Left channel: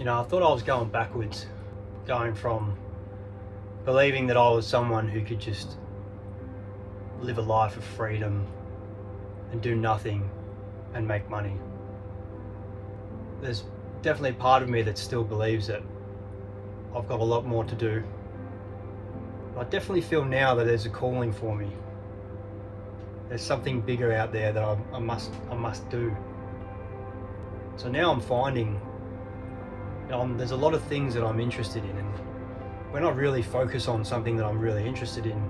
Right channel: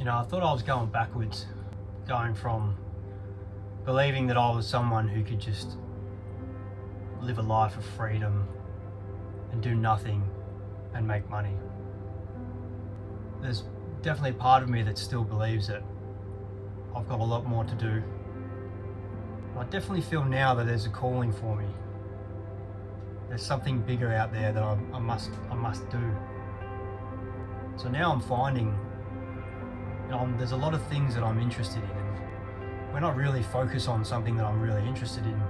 I thought I was going backwards, going from believing that I was someone who could just live a life of freedom and do nothing and make money. There's definitely a part of me that still believes that I've got a lot more to do. I definitely feel now that there's a calling for me. There's something bigger out there that I must do. So now I'm finding there's a lot of things that I'm interested in, and when I really focus on something that I'm really interested in,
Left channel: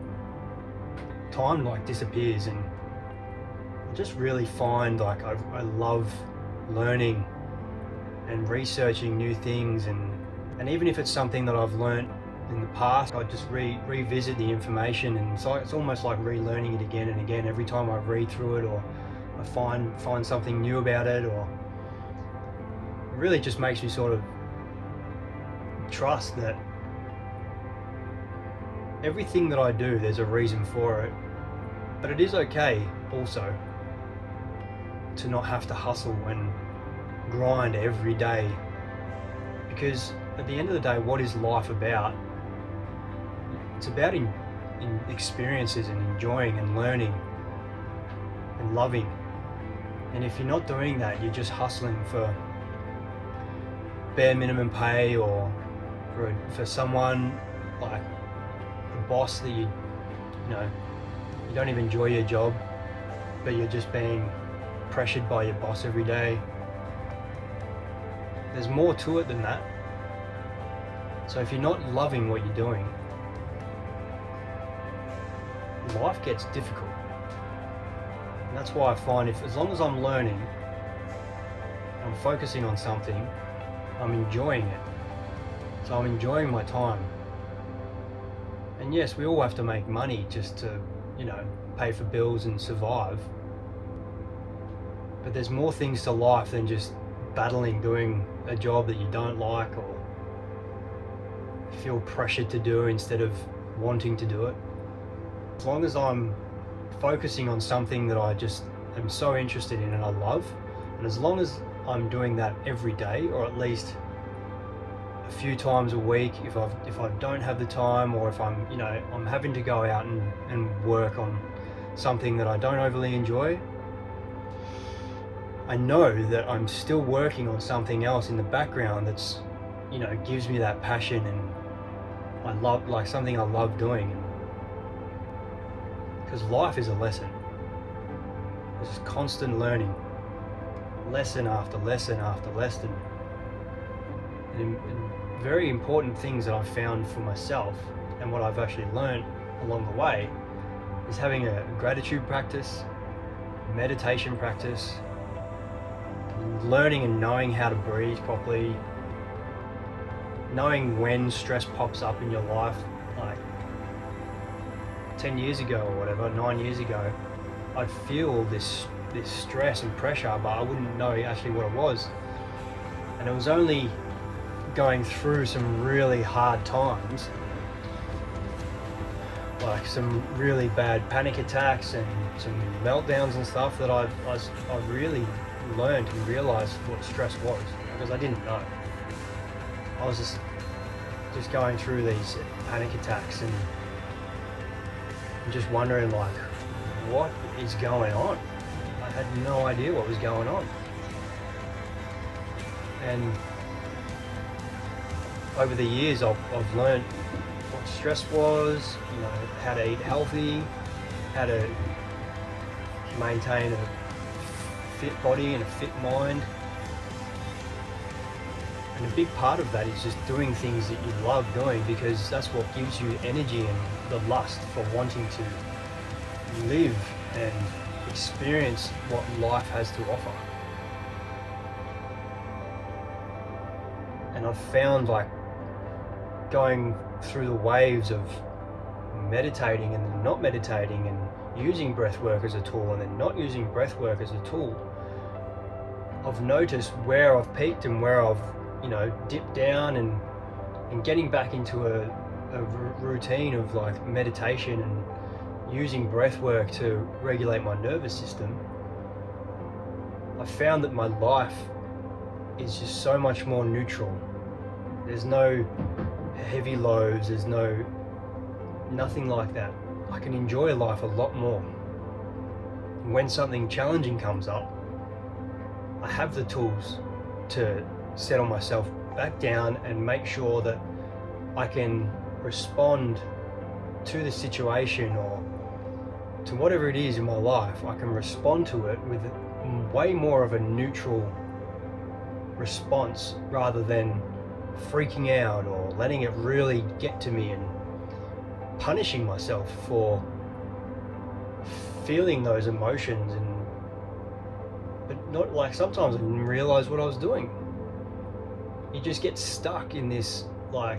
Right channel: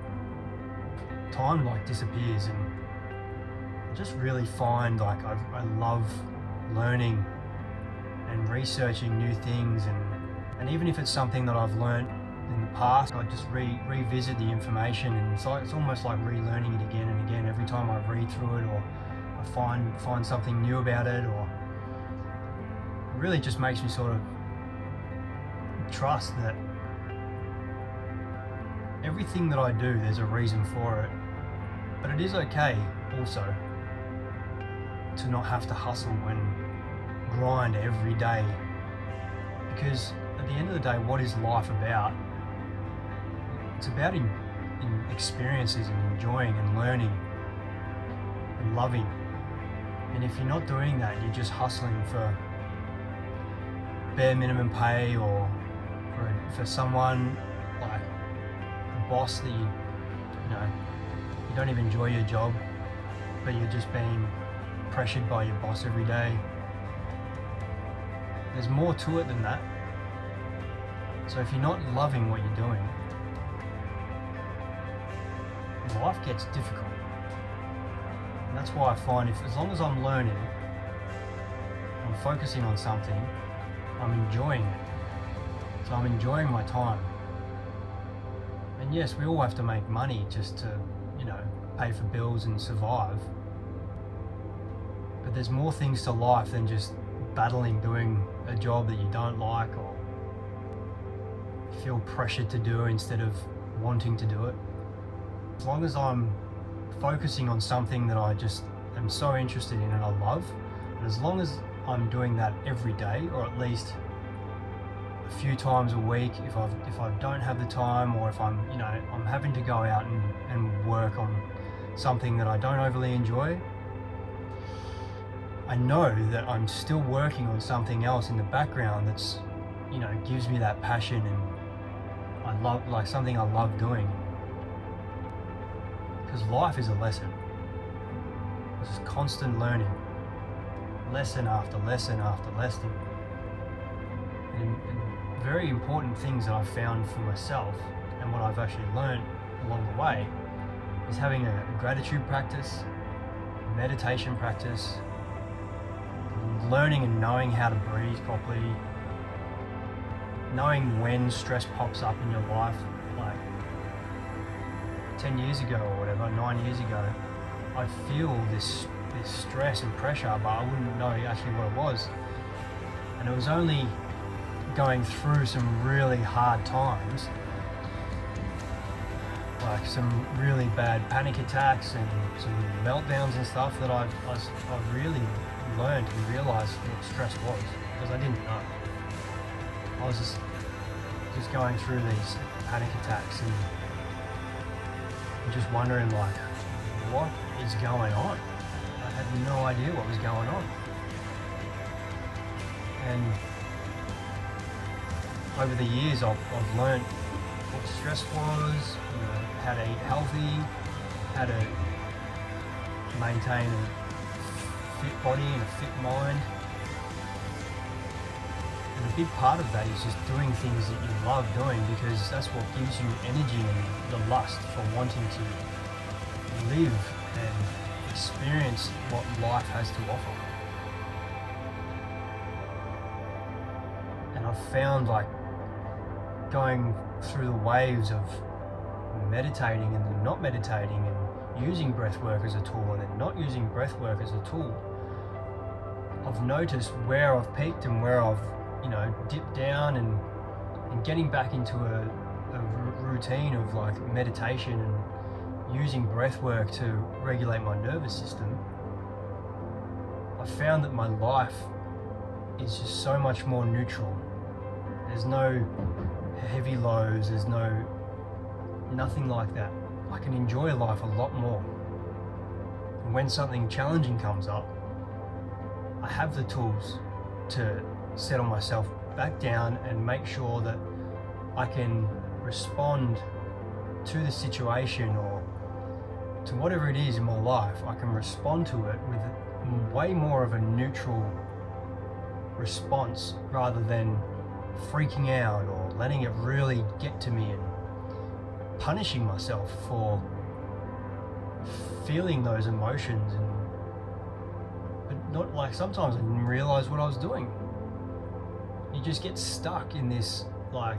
time disappears, and I just really find I love learning and researching new things, and even if it's something that I've learned in the past, I just revisit the information, and it's almost like relearning it again and again every time I read through it, or I find something new about it, or it really just makes me sort of trust that everything that I do, there's a reason for it. But it is okay also to not have to hustle and grind every day, because at the end of the day, what is life about? It's about in experiences and enjoying and learning and loving. And if you're not doing that, you're just hustling for bare minimum pay, or for someone like a boss that you don't even enjoy your job, but you're just being pressured by your boss every day. There's more to it than that. So if you're not loving what you're doing, life gets difficult. And that's why I find as long as I'm learning, I'm focusing on something, I'm enjoying it. So I'm enjoying my time. And yes, we all have to make money just to, pay for bills and survive. But there's more things to life than just battling doing a job that you don't like or feel pressured to do instead of wanting to do it. As long as I'm focusing on something that I just am so interested in and I love, and as long as I'm doing that every day, or at least a few times a week, if I don't have the time, or if I'm having to go out and work on something that I don't overly enjoy, I know that I'm still working on something else in the background that's gives me that passion, and I love something I love doing. Because life is a lesson. There's constant learning, lesson after lesson after lesson. And very important things that I've found for myself, and what I've actually learned along the way, is having a gratitude practice, meditation practice, learning and knowing how to breathe properly, knowing when stress pops up in your life. Like 10 years ago or whatever, 9 years ago, I'd feel this stress and pressure, but I wouldn't know actually what it was. And it was only going through some really hard times, like some really bad panic attacks and some meltdowns and stuff, that I really learned and realized what stress was, because I didn't know. I was just going through these panic attacks and just wondering what is going on. I had no idea what was going on. And over the years, I've learned what stress was, how to eat healthy, how to maintain a fit body and a fit mind. And a big part of that is just doing things that you love doing, because that's what gives you energy and the lust for wanting to live and experience what life has to offer. And I've found going through the waves of meditating and then not meditating, and using breath work as a tool and then not using breath work as a tool, I've noticed where I've peaked and where I've dipped down, and getting back into a routine of meditation and using breath work to regulate my nervous system. I found that my life is just so much more neutral There's no heavy lows, there's nothing like that. I can enjoy life a lot more. And when something challenging comes up, I have the tools to settle myself back down and make sure that I can respond to the situation or to whatever it is in my life. I can respond to it with way more of a neutral response rather than freaking out or letting it really get to me and punishing myself for feeling those emotions. But not like, sometimes I didn't realize what I was doing. You just get stuck in this like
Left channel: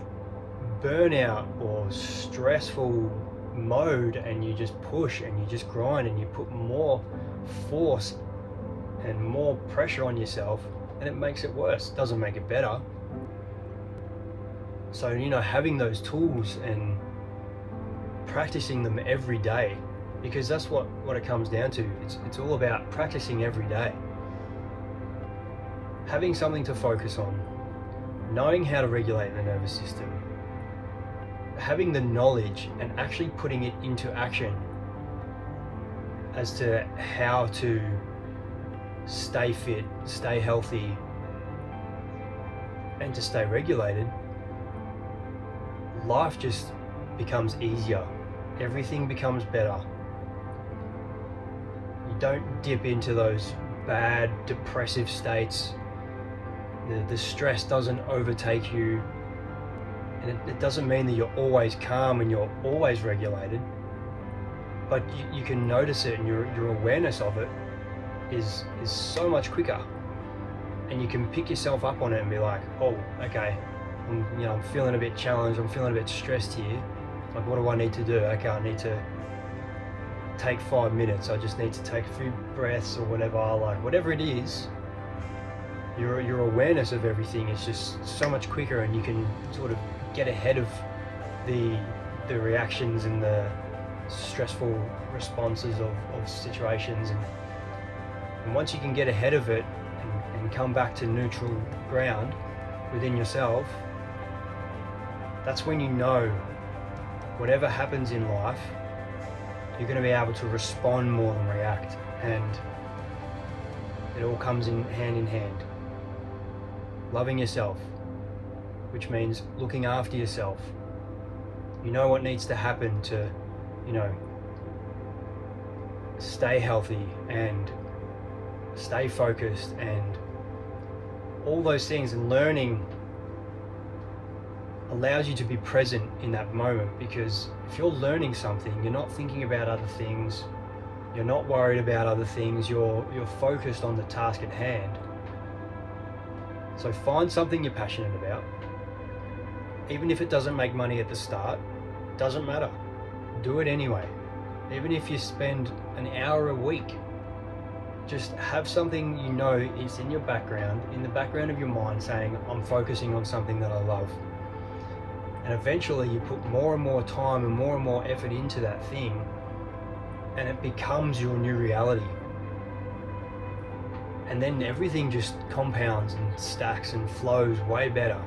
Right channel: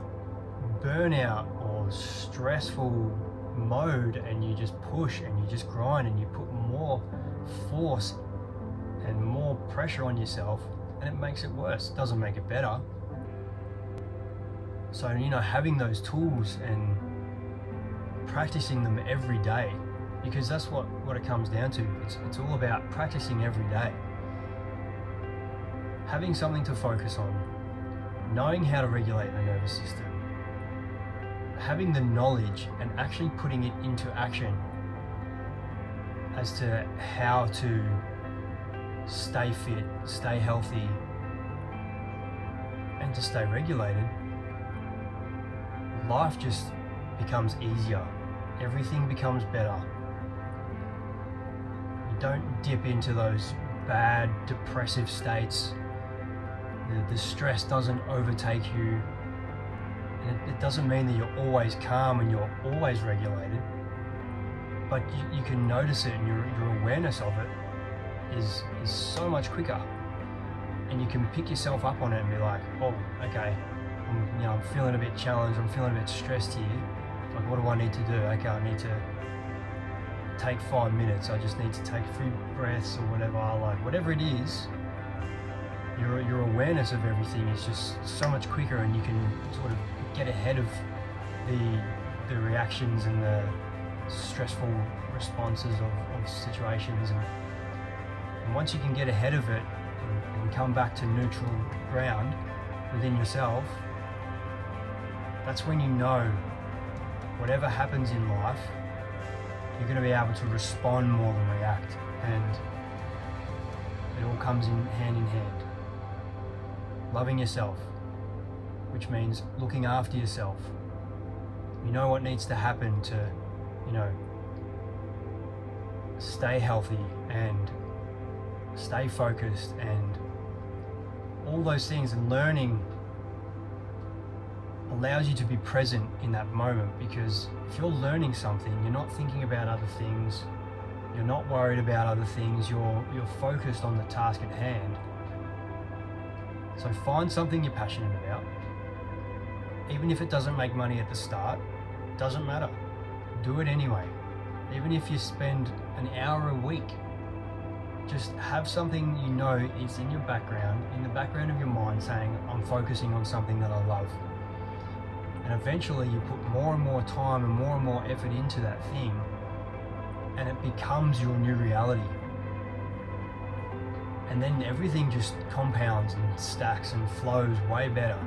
burnout or stressful mode, and you just push and you just grind and you put more force and more pressure on yourself, and it makes it worse. It doesn't make it better. So, having those tools and practicing them every day, because that's what it comes down to. It's all about practicing every day. Having something to focus on, knowing how to regulate the nervous system, having the knowledge and actually putting it into action as to how to stay fit, stay healthy, and to stay regulated, life just becomes easier. Everything becomes better. You don't dip into those bad, depressive states. The stress doesn't overtake you. And it doesn't mean that you're always calm and you're always regulated, but you can notice it, and your awareness of it is so much quicker. And you can pick yourself up on it and be like, oh, okay, I'm feeling a bit challenged, I'm feeling a bit stressed here. Like, what do I need to do? Okay, I need to take 5 minutes. I just need to take a few breaths or whatever. Like, whatever it is, your awareness of everything is just so much quicker, and you can sort of get ahead of the reactions and the stressful responses of situations. And once you can get ahead of it and come back to neutral ground within yourself, that's when whatever happens in life, you're going to be able to respond more than react. And it all comes in hand. Loving yourself, which means looking after yourself. You know what needs to happen to, stay healthy and stay focused and all those things. And learning allows you to be present in that moment, because if you're learning something, you're not thinking about other things, you're not worried about other things, you're focused on the task at hand. So find something you're passionate about. Even if it doesn't make money at the start, doesn't matter. Do it anyway. Even if you spend an hour a week, just have something is in your background, in the background of your mind, saying, I'm focusing on something that I love. And eventually you put more and more time and more effort into that thing, and it becomes your new reality. And then everything just compounds and stacks and flows way better.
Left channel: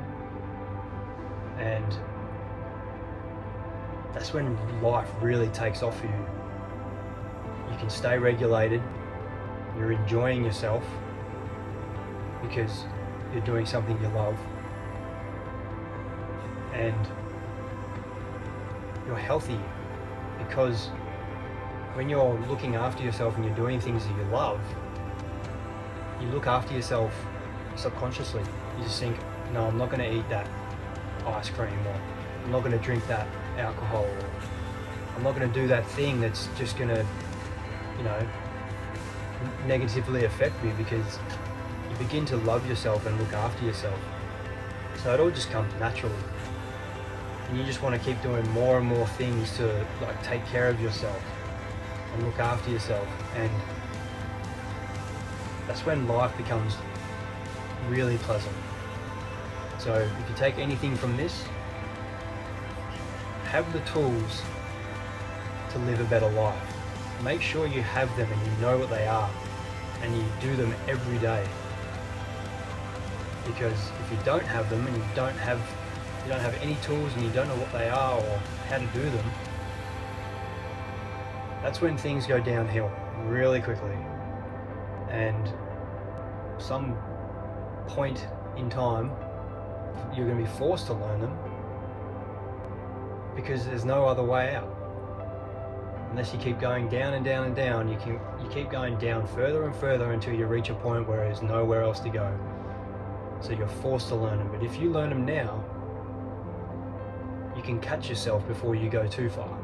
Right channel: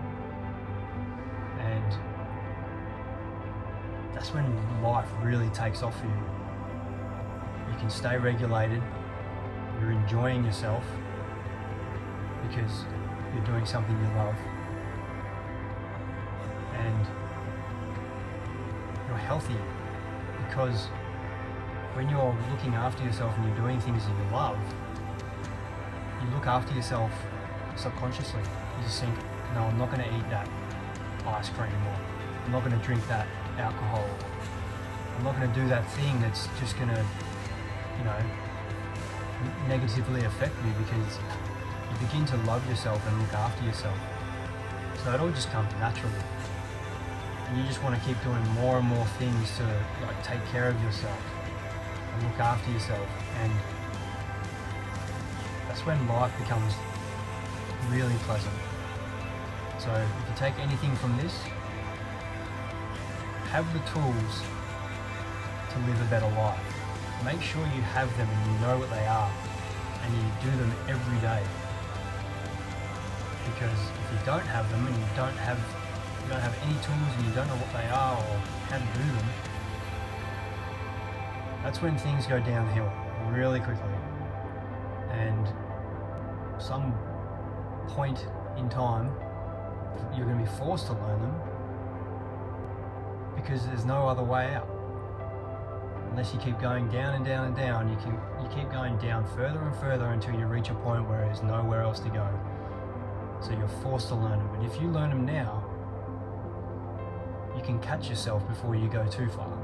And that's when life really takes off for you. You can stay regulated, you're enjoying yourself because you're doing something you love, and you're healthy because when you're looking after yourself and you're doing things that you love, you look after yourself subconsciously. You just think, no, I'm not going to eat that ice cream, or I'm not going to drink that alcohol, or I'm not going to do that thing that's just going to, negatively affect me, because you begin to love yourself and look after yourself. So it all just comes naturally. And you just want to keep doing more and more things to take care of yourself and look after yourself. And that's when life becomes really pleasant. So if you take anything from this, have the tools to live a better life. Make sure you have them and you know what they are, and you do them every day. Because if you don't have them and you don't have any tools and you don't know what they are or how to do them, that's when things go downhill really quickly. And some point in time, you're going to be forced to learn them because there's no other way out. Unless you keep going down and down and down, you keep going down further and further until you reach a point where there's nowhere else to go. So you're forced to learn them. But if you learn them now, you can catch yourself before you go too far.